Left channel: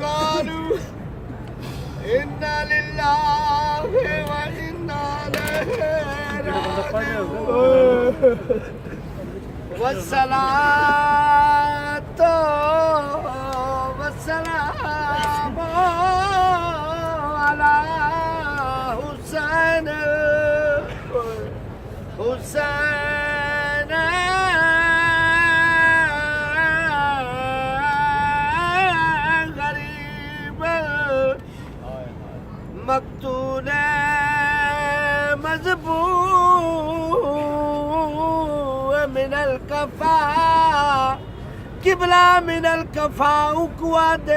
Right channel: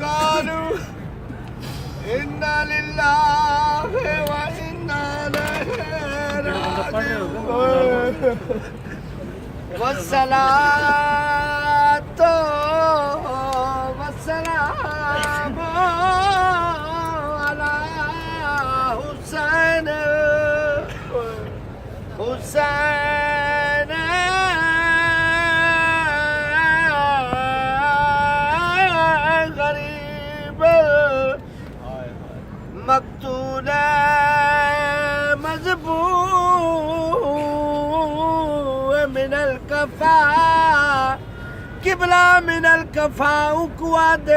قالوا إنا لله وإنا إليه راجعون والصلاة والسلام على حسين غریب مقتول مذبوح من الکفا قبلہ من الکفا اکواد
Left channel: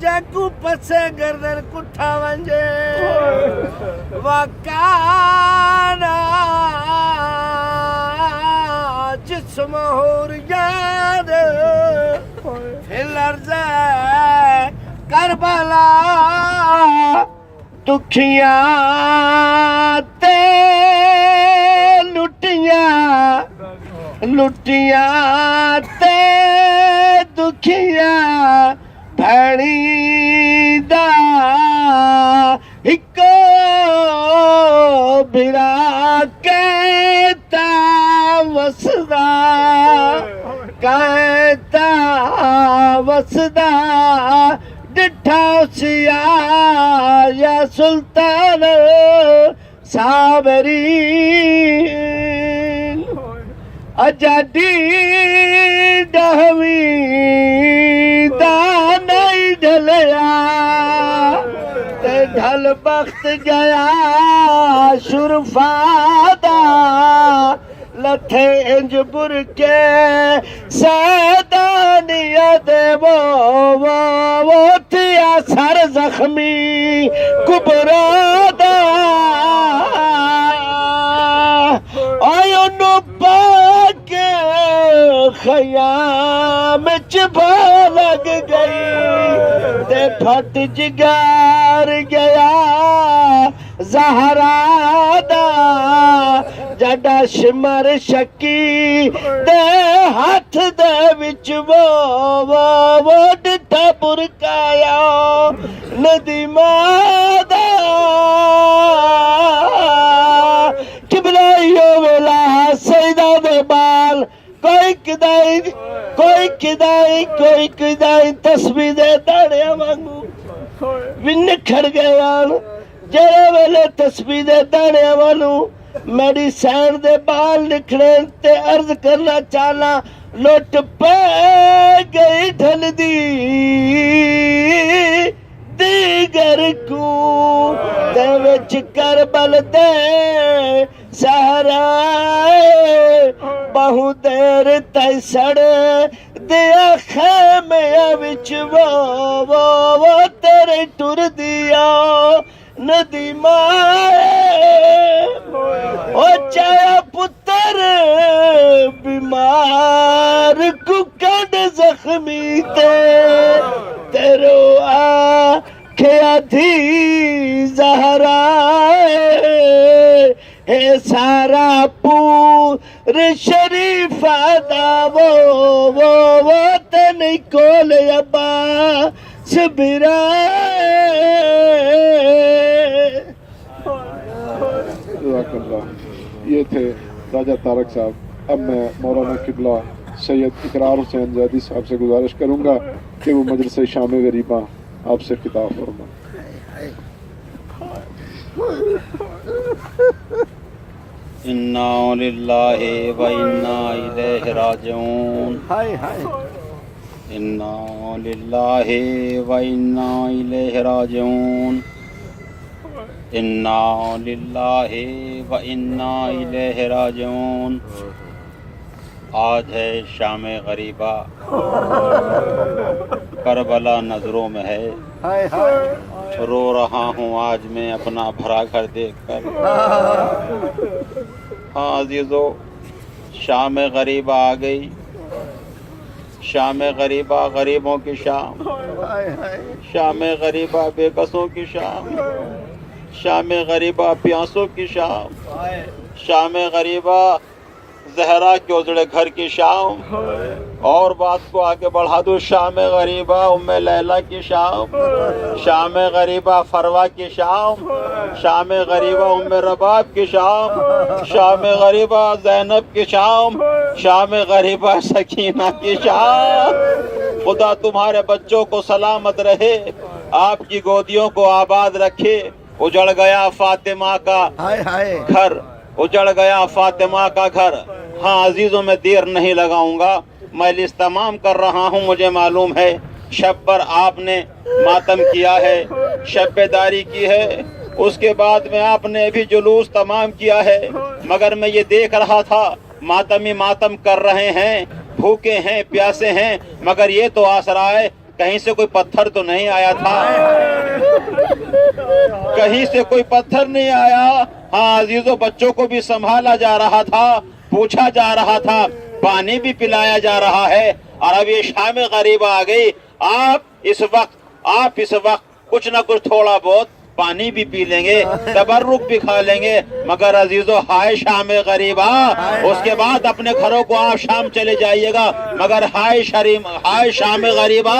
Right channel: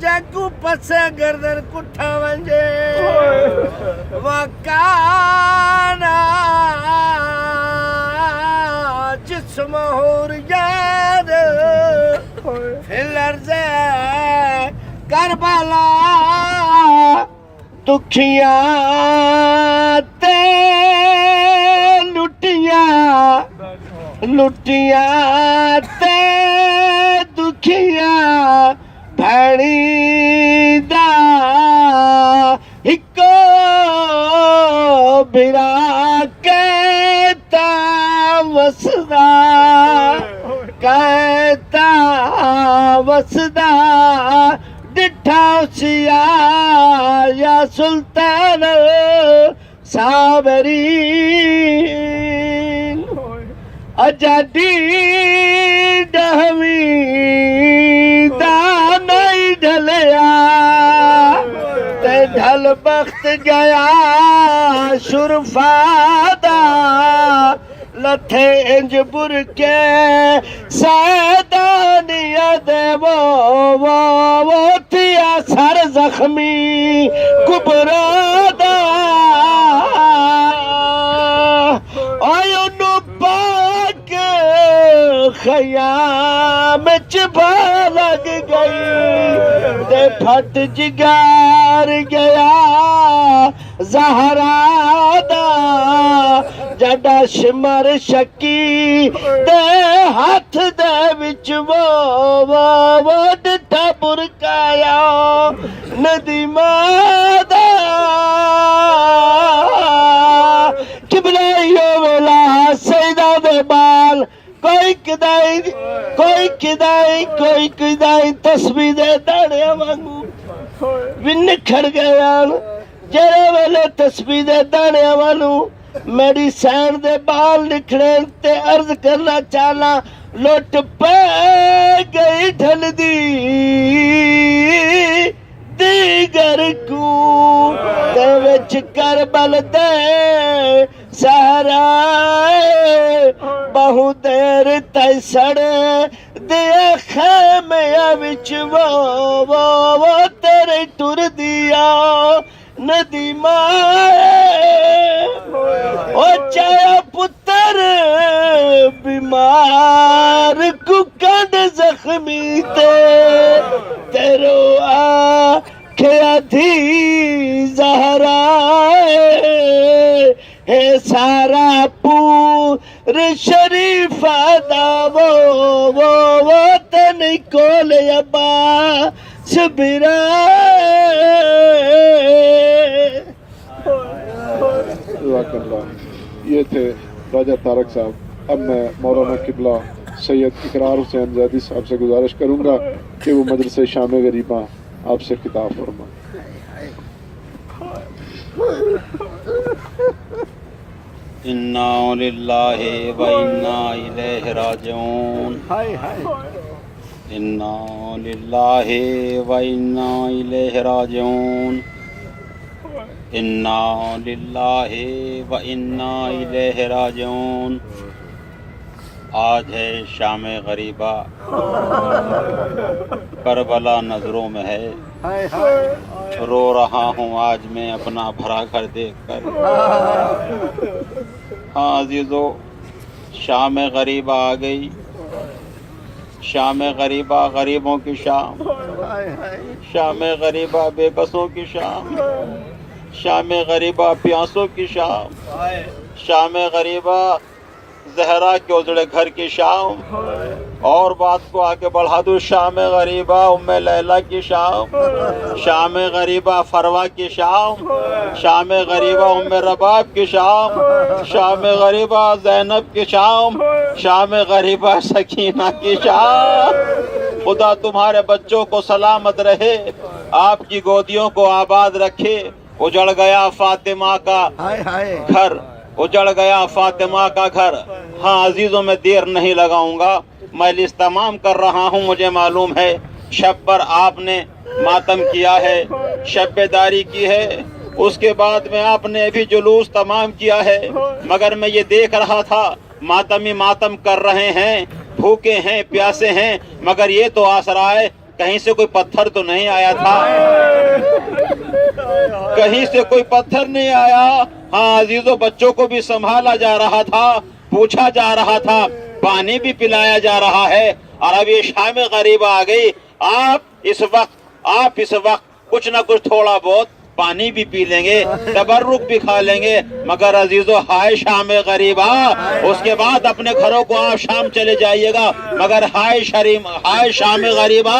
جاکو پسے گردن کٹھا ونجے وکانا جسمہ ریاد فی الارض کربلا دکھیاں تے لٹیاں تے دکھیاں بھڑی دا ہکو برا کہتا وسدا ڈٹھا سیا یا سلطان صابرین اجادی ڈہوی دا نہیں ڈھلیا تے ڈھل بخت گیا شرفا دا لتھے انج بر کے سیدانیت وہ تھیا سر زخمی کبرا دا آئیو نو پاک خیام چبھا لگ گئی دے پھٹ جگار گیا زہرا دا جڑا شمر شکی دے ہاتھ دے وچ وہ ڈٹھا برکایا ندی مادا قبلہ ویلا سیدہ دے بال کوئی کدائی تسبیح دے داڑے وانگو بھی نکھڑ گیا جڑے ویلے تسبیح دے داڑے وانگو میری سین دے بال نکھڑے تے عرض کرنا چالا لوٹ پہ گئی ڈھل دی دیگر کو دوچ کربل دے سہرا بہو دیر تی سڑ دیا خیمے وچ وہ تیرے ٹر دیا ندی مائے او چایا پتر بیمار ککڑ زخمی تیرو آکھیا تھی زہرا اے سارا پور شریف دا وہ تنی کول ابا سبرا یہ تھے راجہ طارق صاحب. اب میں مولانا قبلہ سید اقرار حسین زیدی صاحب سے گزارش کروں گا کہ وہ مجلس شام غریباں آپ سے خطاب فرمائیں. انا للہ و انا الیہ راجعون. انا للہ و انا الیہ راجعون. انا للہ و انا الیہ راجعون. آج ہے شام غریبہ، کربلا نظروں میں ہے. رو رہا ہوں آج میں اپنا بھرا گھر دیکھ کر. ہاں عزیزو، شام غریبہ آ گئی. शाम गरीबा गरीबों की शाम, शाम गरीबा बेकसों की शाम, शाम गरीबा प्यासों की शाम, शाम गरीबा जहरा के उजड़े घर की शाम। और बात को आगे बढ़ा दूं, शाम गरीबा उम्मे लैला की शाम, शाम गरीबा फरवा की शाम, शाम गरीबा उम्मे रबाब की शाम, शाम गरीबा ज़ैनब की शाम, शाम गरीबा सकीना की शाम। खुदा तुम्हारे बच्चों को सलामत रहे, आपकी गोदियों को आबाद रखे। उजड़ गया फातिमा का घर, उजड़ गया फातिमा का घर। हाँ अजीजों, में देर नहीं लगाऊंगा, मैं लिस्ट तमाम कर रहा हूँ। मुझे मालूम है शब पर आपने मातम किया है, शब्बेदारी की है, उसके बाद में आपने भी जुलूस तमाम किया है, मगर मैं ये देख रहा था मातमी मातम कर रहे हैं, भूखे हैं प्यासे हैं, मगर ये तो आसरा है कहीं से कोई पत्थर तो नहीं आया था, कहीं से कोई पत्थर नहीं आया। हाँ अजीजों, बच्चों को भी संभाला जा रहा था, पूछा जा रहा था, पानी भी पिलाया जा रहा है। और अब ये शाम गरीबा आ गई, आप इस वक्त कुछ न कुछ थोड़ा बहुत पानी भी पी लेंगे, तबर्रुक भी खा लेंगे, मगर अजीजों हाय शाम गरीबा, उसके बाद अपने घरों को आप शाम चले जाइएगा, मगर हाय शाम गरीबा।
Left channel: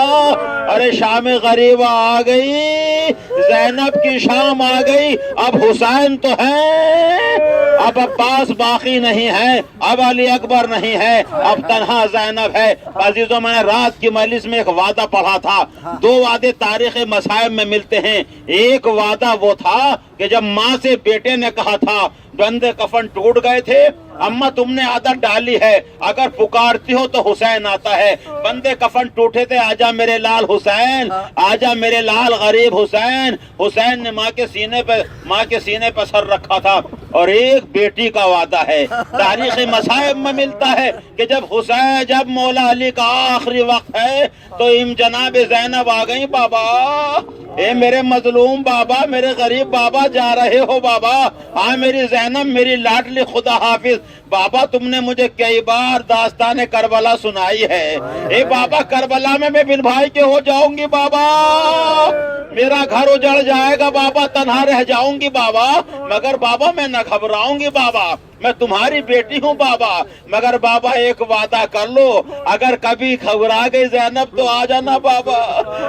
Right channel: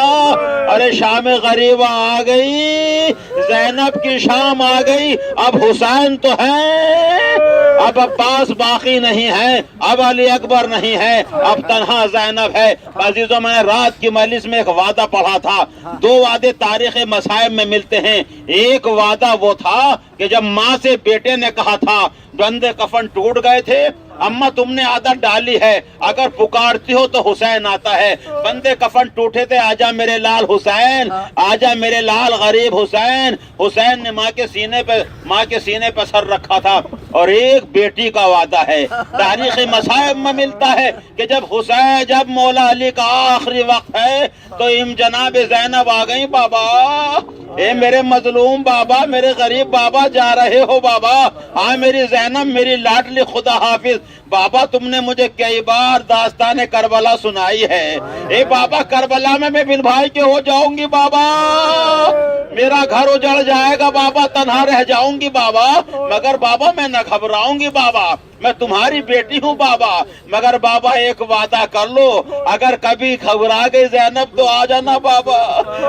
अरे शाम गरीबा आ गई, ज़ैनब की शाम आ गई। अब हुसैन तो है, अब अब्बास बाकी नहीं है, अब अली अकबर नहीं है, अब तन्हा ज़ैनब है। अजीजों, मैंने रात की मजलिस में एक वादा पढ़ा था, दो वादे तारीख मसाइब में मिलते हैं। एक वादा वो था कि जब माँ से बेटे ने कहा था, बंदे कफन टूट गए थे, अम्मा तुमने आदत डाली है, अगर पुकारती हो तो हुसैन आता है। बंदे कफन टूटे थे, आजा मेरे लाल हुसैन, आजा मेरे लाल गरीब हुसैन। हुसैन ने माँ के सीने पर सर रखा था। और एक बेटी का वादा है, तारीख मसाइब में मिलता है कि जब मौला अली का आखिरी वक्त है तो इम जनाब ज़ैनब आ गई। बाबा, ए मेरे मजलूम बाबा, मेरे गरीब बाबा, जा रहे हो बाबा? हाँ मेरी ज़ैनब, मेरी लाडली, खुदा हाफिज। बाबा तुमने मुझे कई बार दास्तान करबला सुनाई है। ए बाबा, करबला में मैं बिन भाई के हो जाऊंगी बाबा, मेरा घर उजड़ जाएगा बाबा, तन्हा रह जाऊंगी बाबा, मगर बाबा मैं न घबराऊंगी बाबा, मैं तुम्हारी बेटी हूँ बाबा। मगर बाबा एक वादा कर लो, अगर कभी घबरा गई ज़ैनब तो आ जाना बाबा।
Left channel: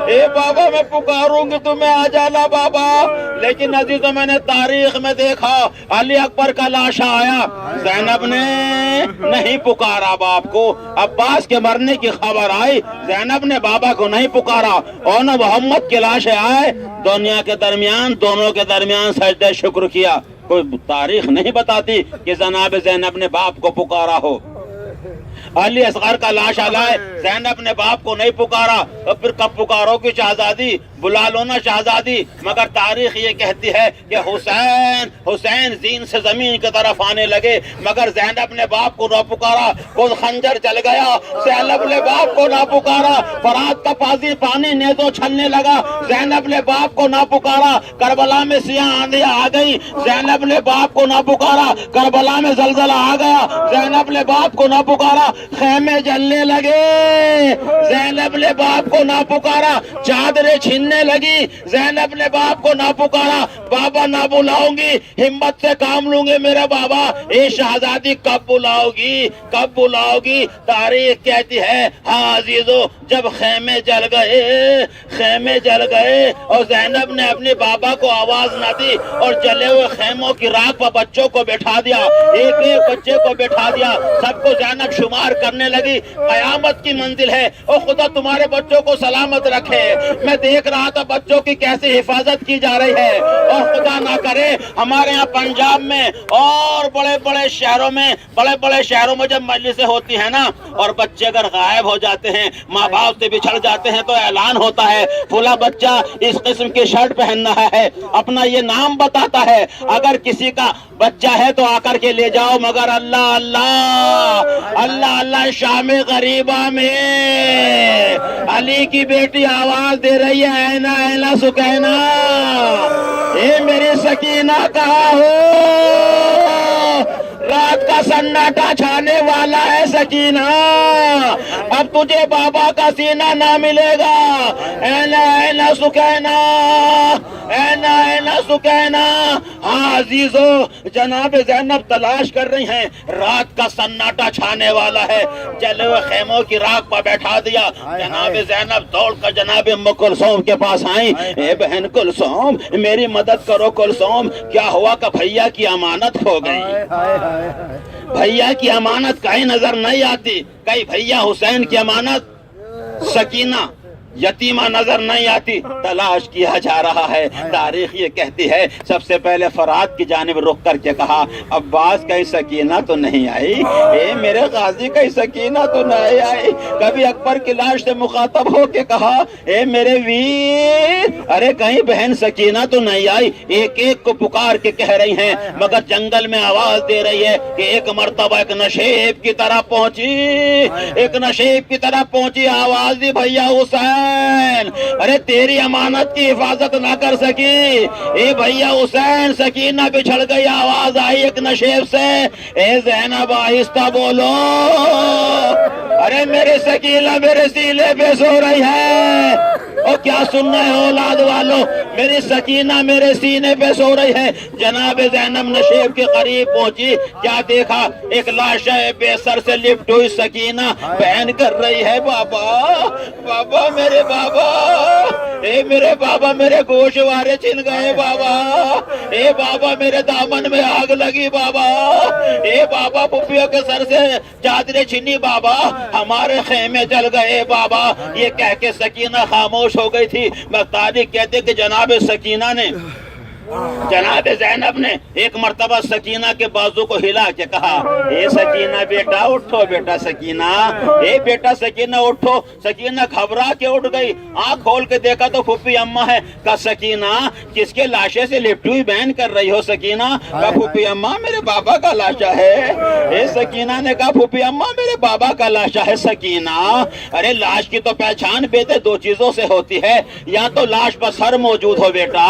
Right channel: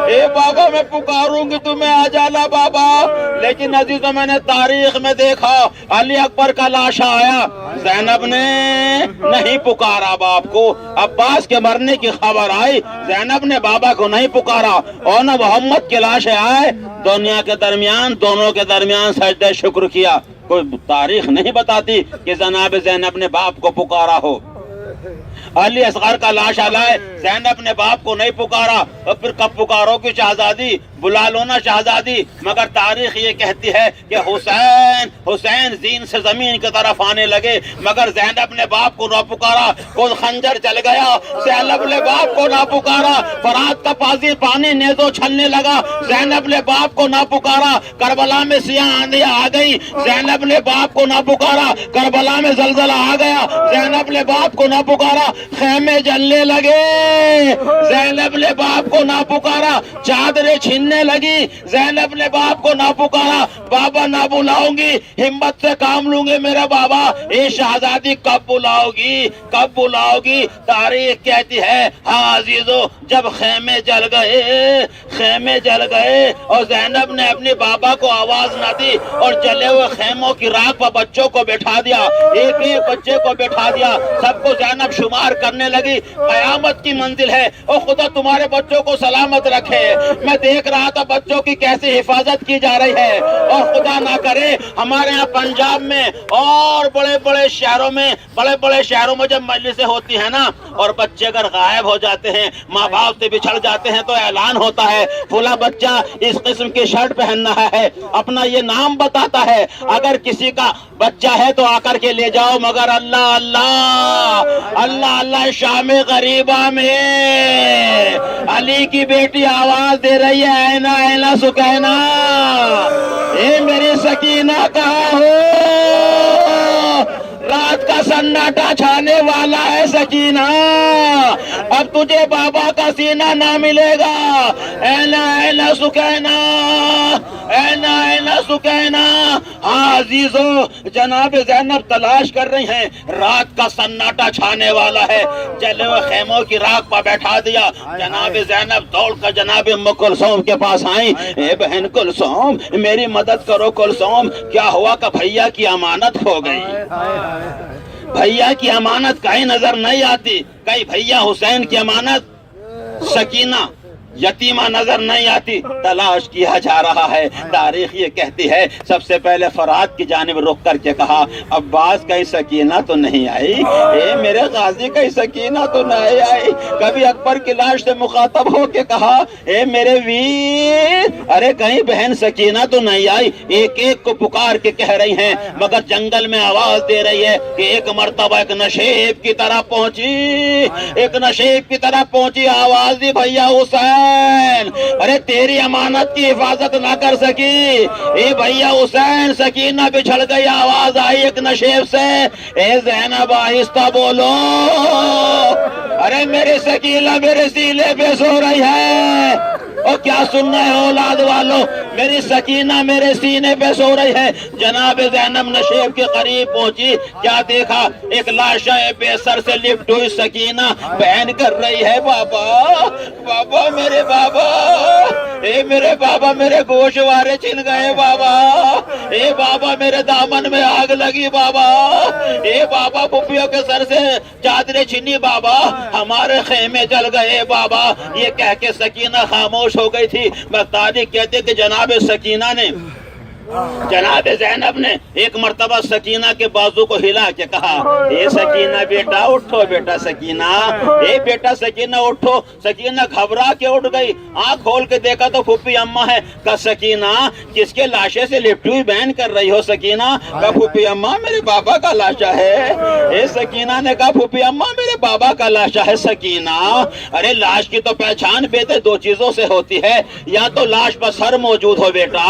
ए बाबा मैं पुकारूंगी तुम्हें, आ जाना बाबा। लेकिन अजीजों, मैंने तारीख में देखा, अली अकबर का लाशा आया, ज़ैनब ने नहीं पुकारा बाप को। अब्बास के मरने की खबर आई, ज़ैनब ने बाबा को नहीं पुकारा। और न मोहम्मद के लाशे आए, दोनों के दरमियान सजदे शुक्र किया। कोई तारीख नहीं बताती कि जनाब ज़ैनब ने बाप को पुकारा हो। अली असगर का लाशा लाए, ज़ैनब ने बाप को नहीं पुकारा, और फिर कब पुकारोगी शहजादी, बुला लो ना शहजादी। मगर तारीख ये कहती है कि हुसैन जीन से जमीन की तरफ आने लगे, मगर ज़ैनब ने बाप को ना पुकारा। खुद खंजर चल गया, ज़ैनब ने बाप को ना पुकारा। फरात का पानी नेज़ो छलने लगा, ज़ैनब ने बाप को ना पुकारा। करबला में सियाह आंधी आ गई, ज़ैनब ने बाप को ना पुकारा। करबला में जलजला आ गया, ज़ैनब ने बाप को ना पुकारा। खेमे जलने लगे, ज़ैनब ने बाप को ना पुकारा। चादरें छीनने लगी, ज़ैनब ने बाप को ना पुकारा। बाबा ना बुलाऊंगी, हिम्मत से काम लूंगे मेरे बाबा। ये शहजादी कब बुलाओगी? तारीख कहती है, हाँ अजीजों, जब खेमे जल गए और ज़ैनब ने अपने बाबा को आवाज ना दी और जले हुए खेमों की राख पर बच्चों को बैठा दिया, एक एक बच्चे को बैठा दिया, सबको ज़ैनब शुमार करने लगी। कयामत की मंजिल है, ओ खुदा तुम्हारे बच्चों को सलामत रखे। मैं देख रहा था बच्चों की कैसे हिफाजत की जा रही है, और खुदा ना करे हमारे यहाँ पंजाब में और बड़े बड़े शहरों में जब मजलिसें होती है ना, और बच्चे अगर गायब हो जाते हैं, माँ बाप से बिछड़ जाते हैं, तो ऐलान होता है फला बच्चा इस किस्म की शर्ट पहनना है, अपना ये नाम बताता है। अगर किसी का बच्चा है तो आकर के ले जाओ, मगर अल्लाह अल्लाह अल्लाह अल्लाह शाम गरीबा में अली की बेटी आवाज दे रही है, आईना आईना सुकैना, ए मेरी सकीना कहाँ हो? रात का सन्नाटा छाने वाला है सकीना, अब तुझे बाबा का सीना ना मिलेगा। ऐना ऐना सुकैना, ऐना ऐना सुकैना। हाँ अजीजों, जनाब ज़ैनब तलाश कर रही हैं, रात का सन्नाटा छाने वाला है, जले हुए खेमों की राख पर बैठा दिया। जनाब ज़ैनब दौड़ कर जनाब उम्म कुलसूम के पास आई। ए बहन कुलसूम, मेरी मदद करो कुलसूम, क्या हुआ कि भैया की अमानत खो गई। भैया की अमानत कहीं नजर नहीं आती, कहीं भैया हुसैन की अमानत सकीना यतीमा नजर नहीं आती, तलाश किया जा रहा है। तारीख ये कहती है, सबसे पहले फरात की जानिब रुक करके कहा, अब्बास कहीं सकीना तो नहीं आई, ए मेरे गाजी कहीं सकीना तो नहीं आई। कभी अकबर की लाश से मुखातब हो के कहा, ए मेरे वीर, अरे कहीं बहन सकीना तो नहीं आई। एक एक को पुकार के कह रही हैं, मगर जंगल में आवाज दे रही है कि एक मर्तबा एक नशेब की तरह पहुंची, एक नशेब की तरह पहुंची, आवाज दी भैया हुसैन, अरे तेरी अमानत की हिफाजत ना कर सकी, ए भैया हुसैन, सकीना बिछड़ गई। आवाज आई एक नशेब से, ए ज़ैनब आहिस्ता बोलो, अरे मेरे सकीना मेरे सीने पे सो रही है। और क्या सुनना है औलाद वालों, मेरी सकीना मेरे सीने पे सो रही है। जनाब ज़ैनब नशेब के करीब पहुंची, क्या देखा, एक लाश बेसर से लिप्ट हुई सकीना बहन कर रही है, बाबा बाबा मेरे बाबा, ए मेरे बाबा, मेरे गोशवारे छिन गए बाबा, ए बाबा मेरे दामन में आग लगी बाबा, ए बाबा पुप्पियों के सर से चादरें छिनी बाबा, हमारे खेमे जल गए बाबा। ये कह के सकीना खामोश हो गई थी। मैं तारीख कहते कि जनाब सकीना ने, जनाब ज़ैनब ने एक मर्तबा सकीना के बाजू को हिला के कहा, ए सकीना बेटा उठो, बेटा सकीना, ए बेटा सकीना उठो। सकीना घबरा के उठ गई, आंख खोल के देखा तो फूफी अम्मा है। कहा सकीना किसके लाशे से लिपटी हुई बहन कर रही हो सकीना? कहा फूफी अम्मा मेरे बाबा का लाशा है। ए सकीना ने कहा फूफी अम्मा मेरे बाबा का लाशा है। सकीना अरे लाश की तो पहचान बेटे दो चीजों से होती है, या तो लाश पर सर मौजूद हो बेटा,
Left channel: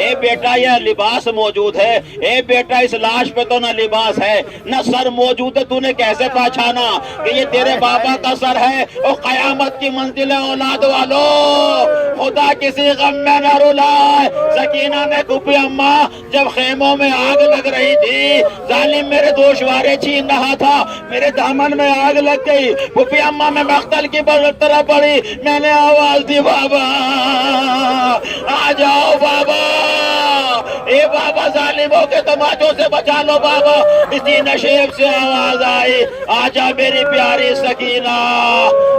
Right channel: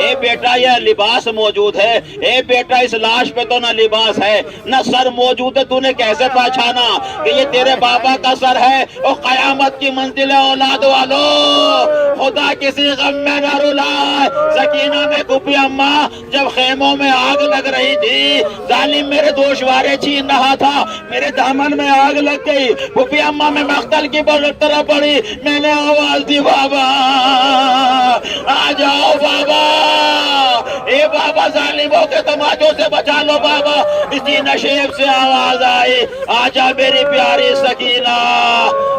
ए बेटा यह लिबास मौजूद है। ए बेटा इस लाश पे तो न लिबास है न सर मौजूद है, तूने कैसे पहचाना कि ये तेरे बाबा का सर है? और कयामत की मंजिल है औलाद वालों, खुदा किसी गम में न रुलाए। सकीना ने फूफी अम्मा जब खेमों में आग लग रही थी, जालिम मेरे दोशवारे छीन रहा था, मेरे दामन में आग लग गई। फूफी अम्मा में मख्तल की तरह पड़ी, मैंने आवाज दी बाबा आ जाओ बाबा, ए बाबा जालिमों के तमाचों से बचा लो बाबा। इसी नशेब से आवाज आई, आजा मेरी प्यारी सकीना,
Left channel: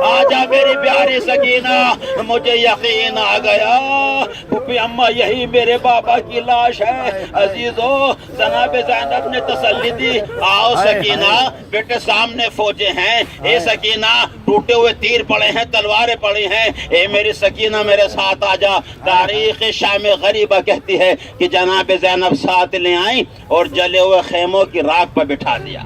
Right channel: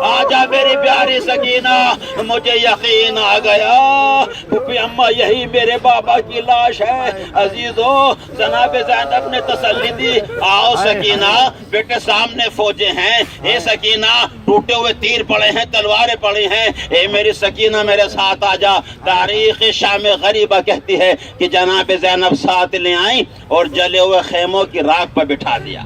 आजा मेरी प्यारी सकीना। मुझे यकीन आ गया फूफी अम्मा यही मेरे बाबा की लाश है। अजीजों जनाब ज़ैनब ने तसल्ली दी, आओ सकीना बेटे सामने फौजे हैं। ए सकीना टूटे हुए तीर पड़े हैं, तलवारें पड़ी हैं, ए मेरी सकीना मेरे साथ आजा। तारीख शाम गरीबा कहती है कि जनाब ज़ैनब साथ ले आई और जले हुए खेमों की राख पर बिठा दिया,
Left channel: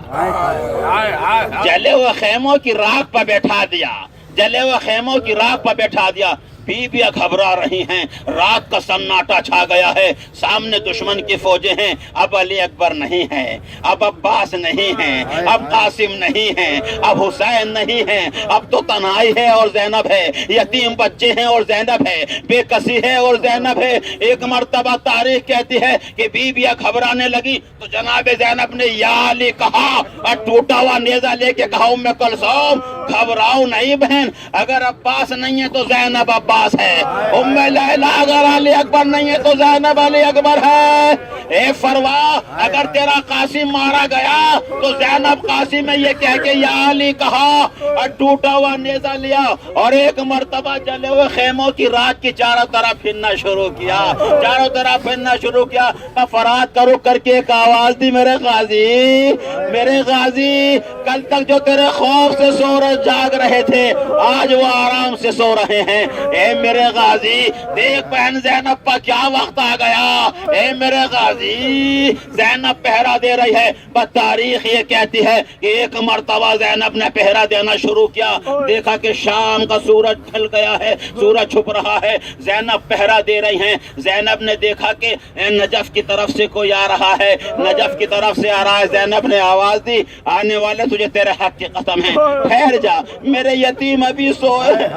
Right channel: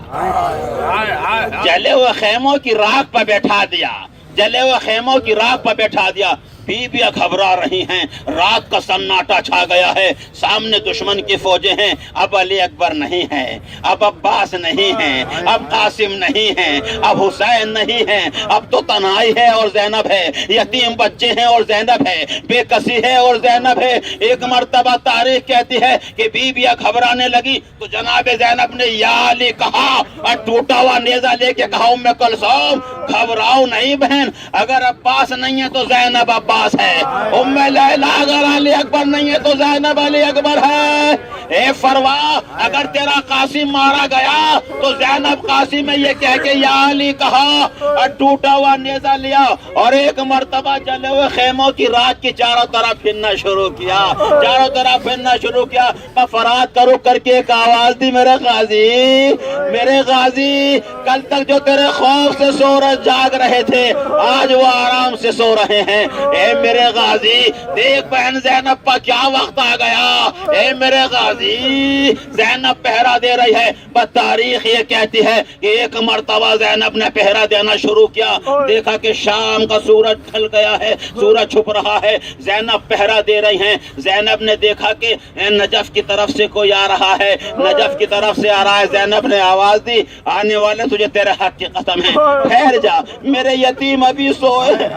जले हुए खेमों की राख पर बैठा दिया, जले हुए खेमों की राख पर बैठा दिया। बीबियां घबरा रही हैं, रात का सन्नाटा छा गया है, सामने दुश्मन की फौजें हैं। अब अली अकबर नहीं है, अब अब्बास नहीं है, अब कासिम नहीं है, अब हुसैन नहीं है, अब तो तन्हाई है और ज़ैनब है, यतीम बच्चे हैं और ज़ैनब है, बेकसी है और ज़ैनब है। एक मर्तबा तारीख कहती है कि बीबियां घबराने लगी तो जनाब ज़ैनब ने या अली कहा और टूटा हुआ नेजा लेके कहा उम्मे कुलसूम घबराओ नहीं बहन, अगर अब्बास नहीं है तो ज़ैनब अब्बास है, उम्मे लैला अगर अली अकबर नहीं है तो ज़ैनब अली अकबर है। ए फरवा अगर तेरा कासिम मारा गया तो ज़ैनब कासिम है, ये कह के या अली कहा और टूटा हुआ नेजा लिया और एक मर्तबा जले हुए खेमों की रात की चारों तरफ फिरना शुरू किया, चारों तरफ फिरना शुरू किया। मैं फरात का रुख करके एक आवाज दी, मेरे गाजी, मेरे गाजी, कल तक जो तेरे खौफ से सो रहे जाग रहे थे आज वो आराम से सो रहे हैं। ए मेरे गाजी देख बहन ज़ैनब पर क्या वक्त आ गया, ए मेरे गाजी غازی زینب پہرا دے رہی ہے. بس تاریخ یہ کہتی ہے کہ ایک مرتبہ زینب نے پہرا دینا شروع کیا, دیکھا کہ شام کا سورج ڈھل گیا ہے, سورج چھپ رہا ہے, زینب پہرا دے رہی ہیں. زینب نے دیکھا کہ نجف کی طرف سے کوئی آ رہا ہے, نجف کی طرف سے آ رہا ہے. زینب نے آواز دی, آنے والے تجھے تیرے حق کی قسم ہے, ٹھہر جا, میرے یتیم ابھی سوئے,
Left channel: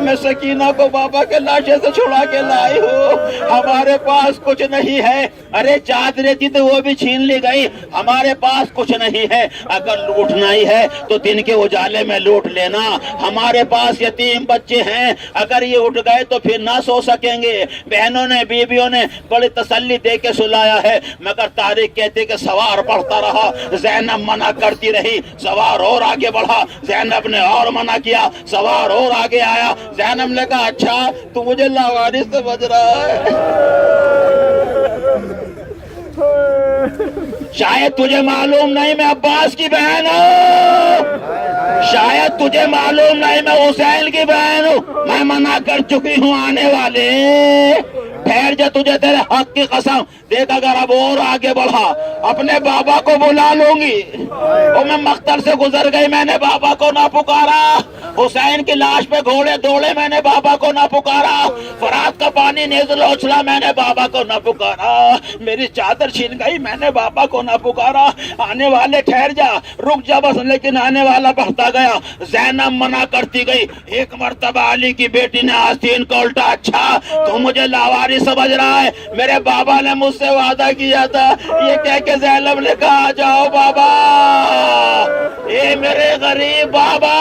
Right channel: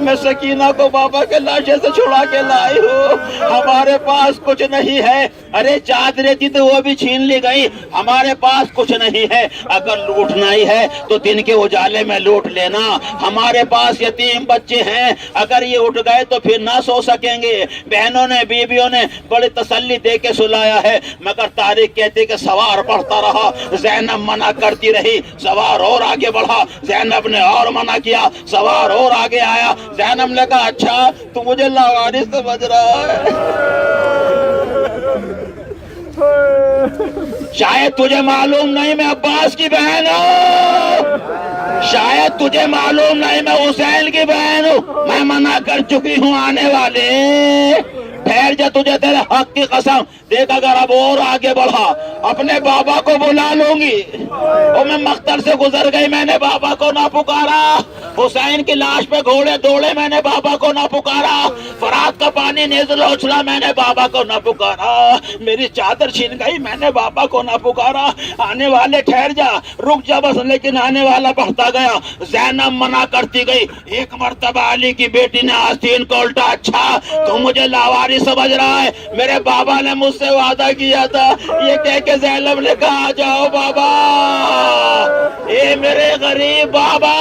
میں سکینہ کو بابا کے لاشے سے چھڑا کے لائی ہوں, ہمارے پاس کچھ نہیں ہے. ارے چادریں تھی تو وہ بھی چھین لی گئی, ہمارے پاس کچھ نہیں ہے. اگر لوٹنا ہی ہے تو دن کے اجالے میں لوٹ لینا, ہمارے پاس یتیم بچے ہیں, اگر یہ اٹھ گئے تو پھر نہ سو سکیں گے. بہنوں نے بیویوں نے بڑی تسلی دے کے سلایا ہے, مگر تاریخ کہتے کہ سوار پڑھتا رہا. زینب منع کرتی رہی, سوار اور آگے بڑھا, زینب نے اور منع کیا, سوار اور آگے آیا. زینب نے کہا اچھا تو مجھے لاوارث سمجھ رہا ہے, شاید تجھے معلوم نہیں میں عباس کی بہن ہوں, شاید تجھے معلوم نہیں میں حسین کی بہن ہوں. میں منع کر چکی ہوں آنے والے, ٹھہر جا, تجھے تیرے حق کی قسم. دیکھ اگر اب اور آگے بڑھا اپنے بابا کو بلا لوں گی. اور میں مختر سے گزر گئی, میں نے بابا کو نہ پکارا. حسین کی لاش پہ گھوڑے دوڑے, میں نے بابا کو نہ پکارا. فرات کا پانی نیزل اچھلا, میں نے بابا کو نہ پکارا. میری چادر چھین گئی, میں نے بابا کو نہ پکارا. آنے والے ٹھہر جا, رک جا بس, لیکن آنے والا بڑھتا گیا. زینب منع کرتی گئی. ایک مرتبہ علی کی بیٹی نے آستین کو الٹا, اچھا تو مجھے لاواری سمجھ رہا ہے, میرے بابا نے مجھ سے وعدہ کیا تھا. یہ کہہ کے زینب نے کہا آ جاؤ بابا, اے میرے غریب بابا.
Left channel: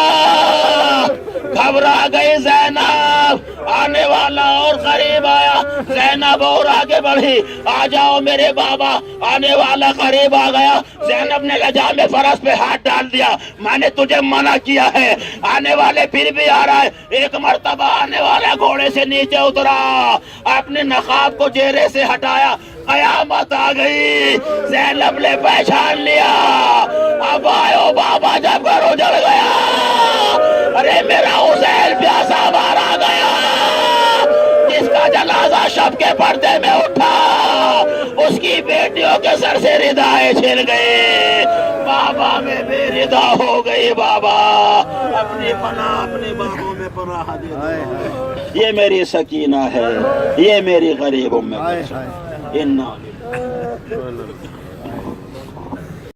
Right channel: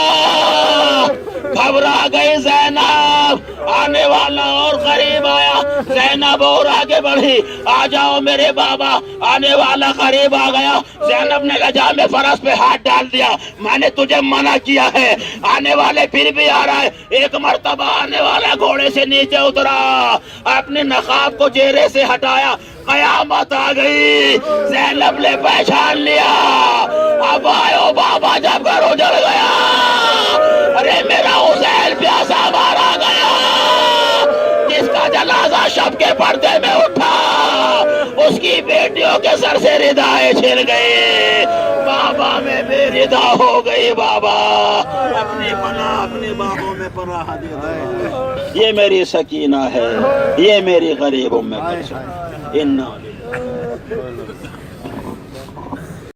گھبرا گئی زینب, آنے والا اور قریب آیا. زینب اور آگے بڑھی, آ جاؤ میرے بابا. آنے والا قریب آ گیا. زینب نے لجام فرس پہ ہاتھ ڈال دیا, میں نے تجھے منع کیا ہے. آنے والے پھر بھی آ رہا ہے. ایک مرتبہ آنے والا گھوڑے سے نیچے اترا, اپنے نقاب کو چہرے سے ہٹایا. قیامت آ گئی, زینب نے پہچان لیا. اب آئے بابا جب گھر اجڑ گیا, ارے میرا حسین پیاسا مارا گیا, جس کا جنازہ شب کے پردے میں اٹھا, اس کی بیٹیوں کے سر سے ردائیں چھن گئے. بابا میں بے ردا ہو گئی. بابا اپنی پناہ اپنی باہوں میں پناہ دے دو. یہ میری سکینہ ہے, یہ میری غریب ام کلثوم.